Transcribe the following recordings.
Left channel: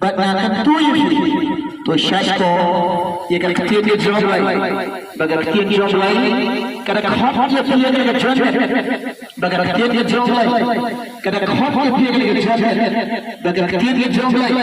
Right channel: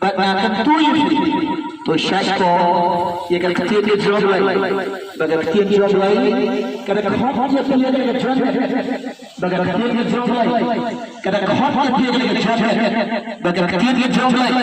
Bagna Tui to Shashko, you can continue job like, but a continue job like, can a hot your feeling a judgment, but a continue job like, can a hot your feeling a judgment, but a continue job like,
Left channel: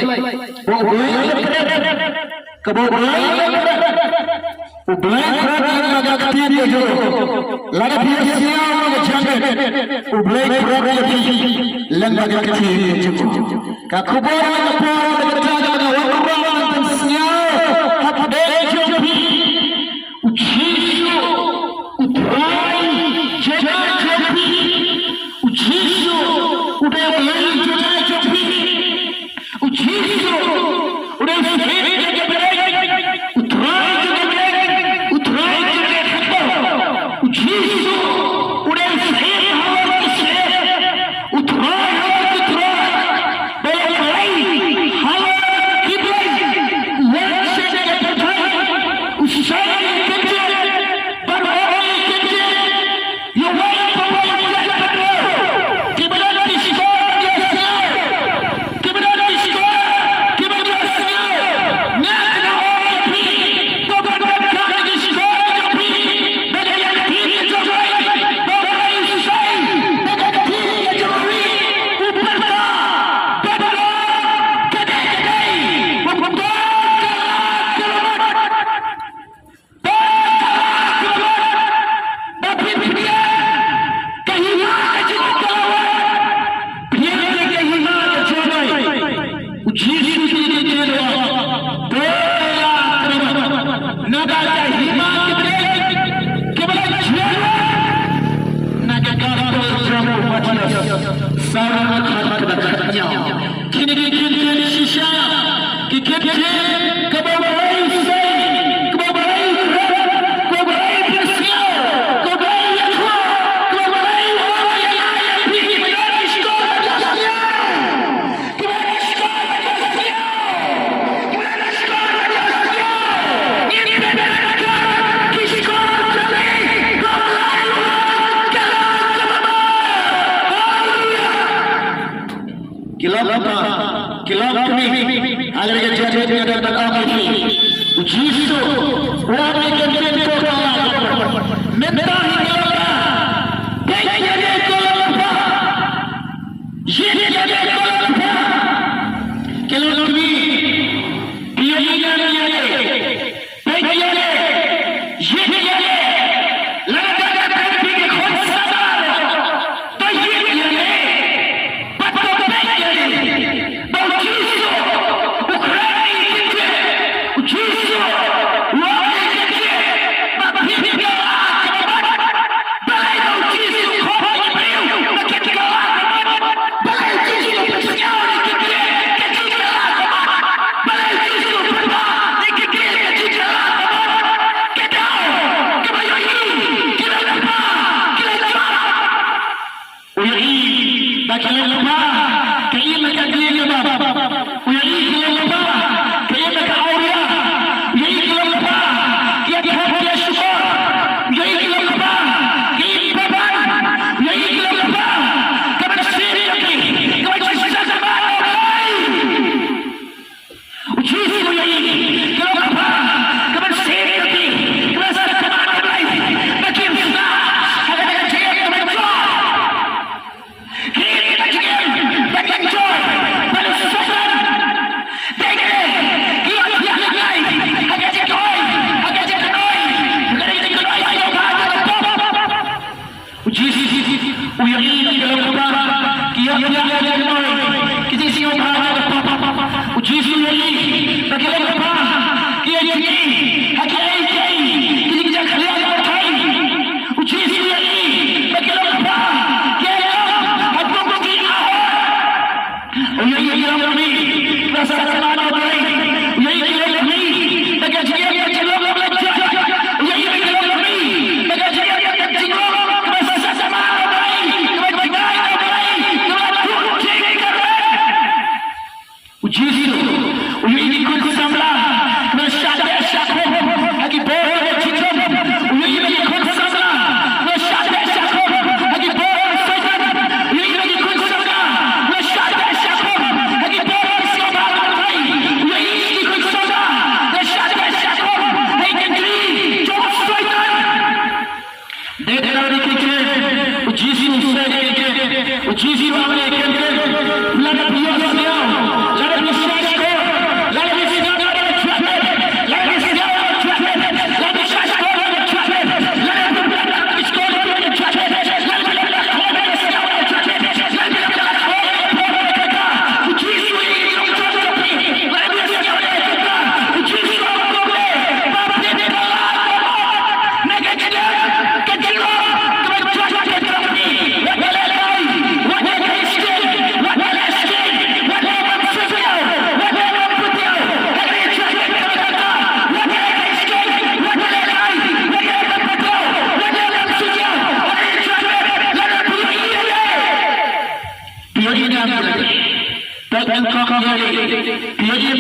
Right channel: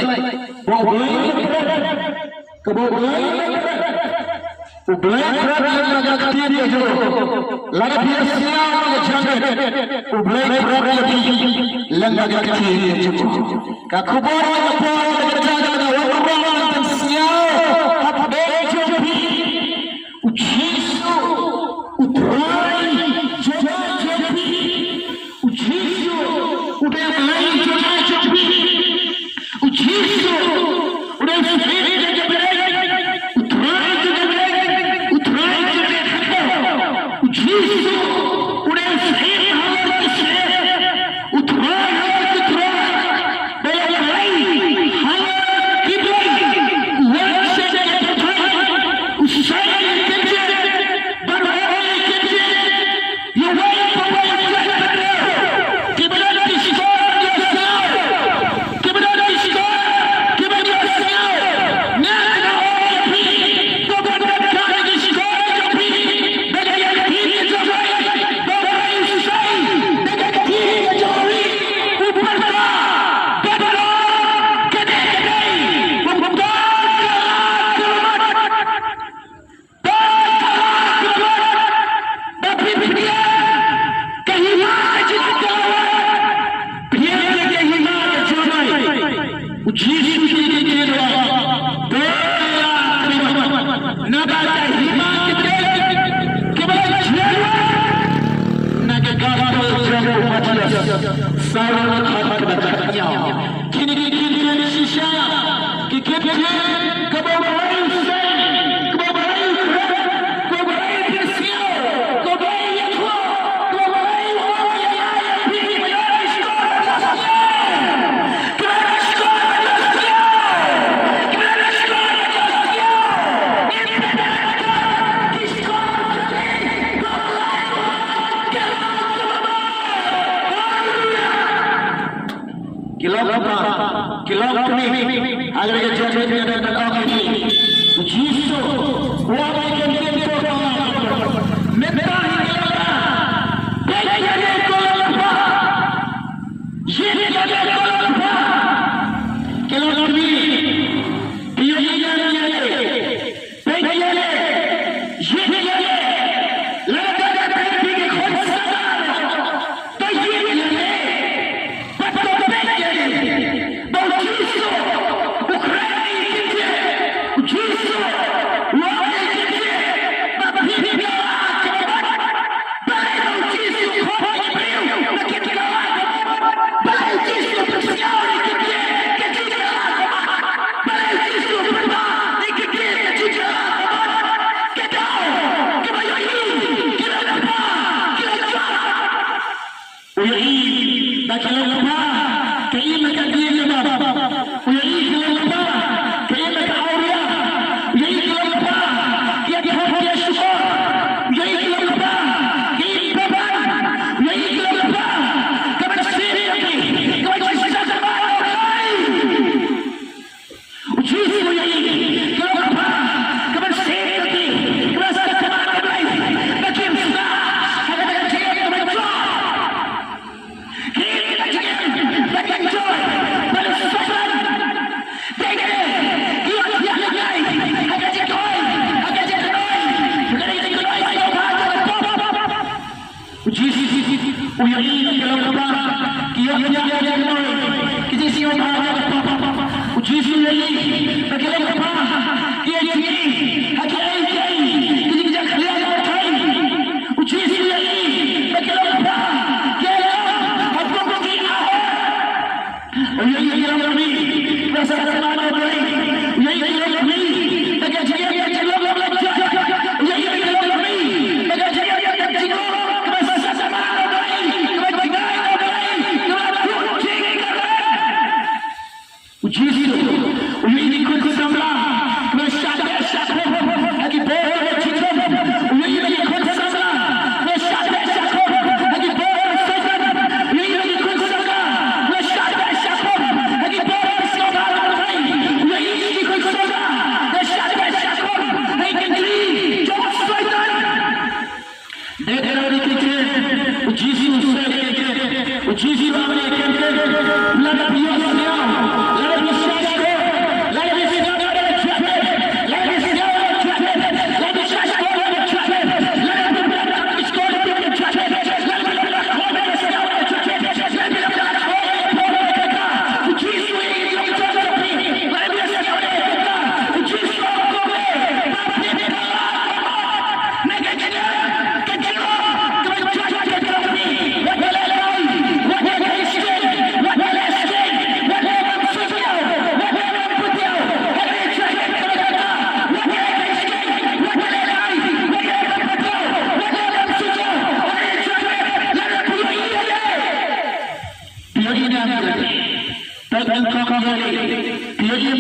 lagi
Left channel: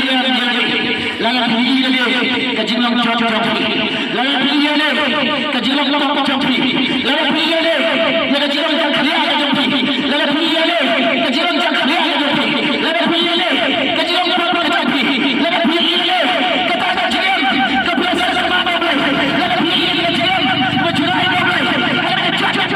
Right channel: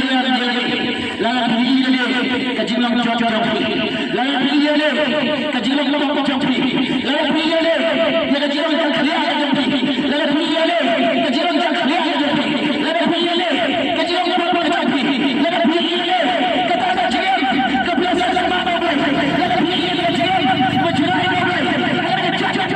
laga tinggi lagi kejilang jatuh laga tinggi lagi kejilang jatuh laga tinggi lagi kejilang jatuh laga tinggi lagi kejilang jatuh laga tinggi lagi kejilang jatuh laga tinggi lagi kata kejilang kebiasaan mana laga tinggi kejilang berjurai laga jatuh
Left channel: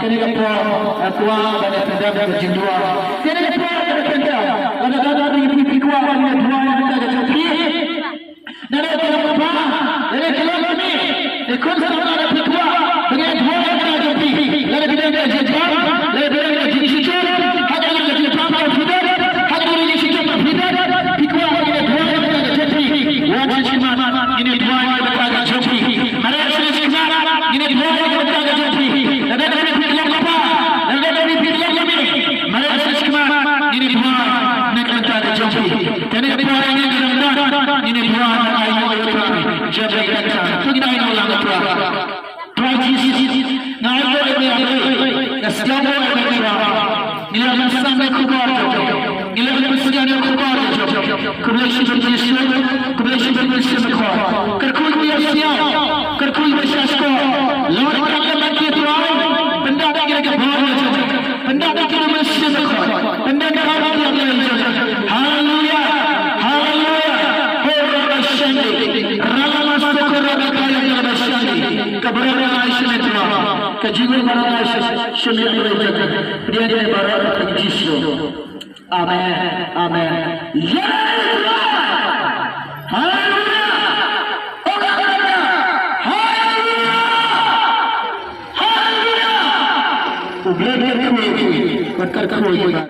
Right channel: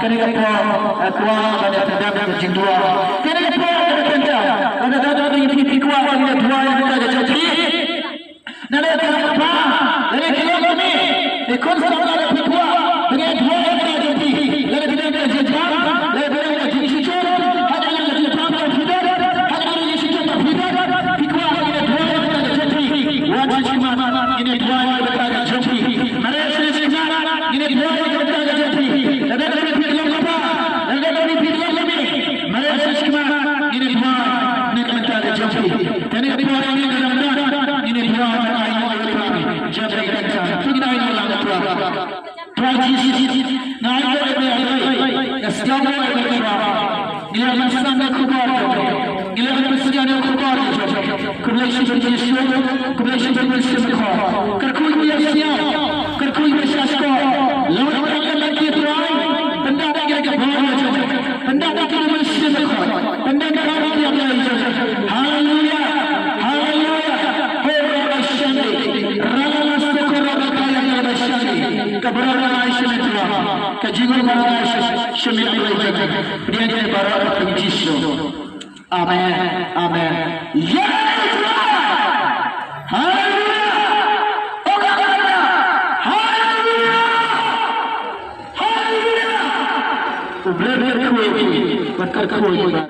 tenda kena apa tua banyak tenda berjing dua kena apa tenda ada ini dua ini dua yang kita jadi nada apa ini kalau ini ikut sama ada dua ini dua yang kita jadi nada kita jadi nada kita jadi situ ada yang jadi apa tidak ada yang jadi situ tidak dua ini dua yang kita jadi wajib cuma ini dua yang kita jadi mana ini dua yang kita jadi ada dari film apa ada dari film apa mana cuma ini dua yang kita jadi ini dua yang kita ini dua jadi kita tidak ada yang kita tragedi naik ini Islam ini nilai Islam yang kuat nilai Islam yang kuat kemudian berbentuk kuat kerkuy yang kerkuy bersyasku lawan kalian kita benda yang kita bawa benda yang kita mesti kuat benda yang haleluya haleluya orang asyik rala masuk kebenaran Aisyah itu kejiwaan para Aisyah semua itu dia jadi barat Yesus amin amin ya haleluya haleluya haleluya ubleber kuwi bakar kuwi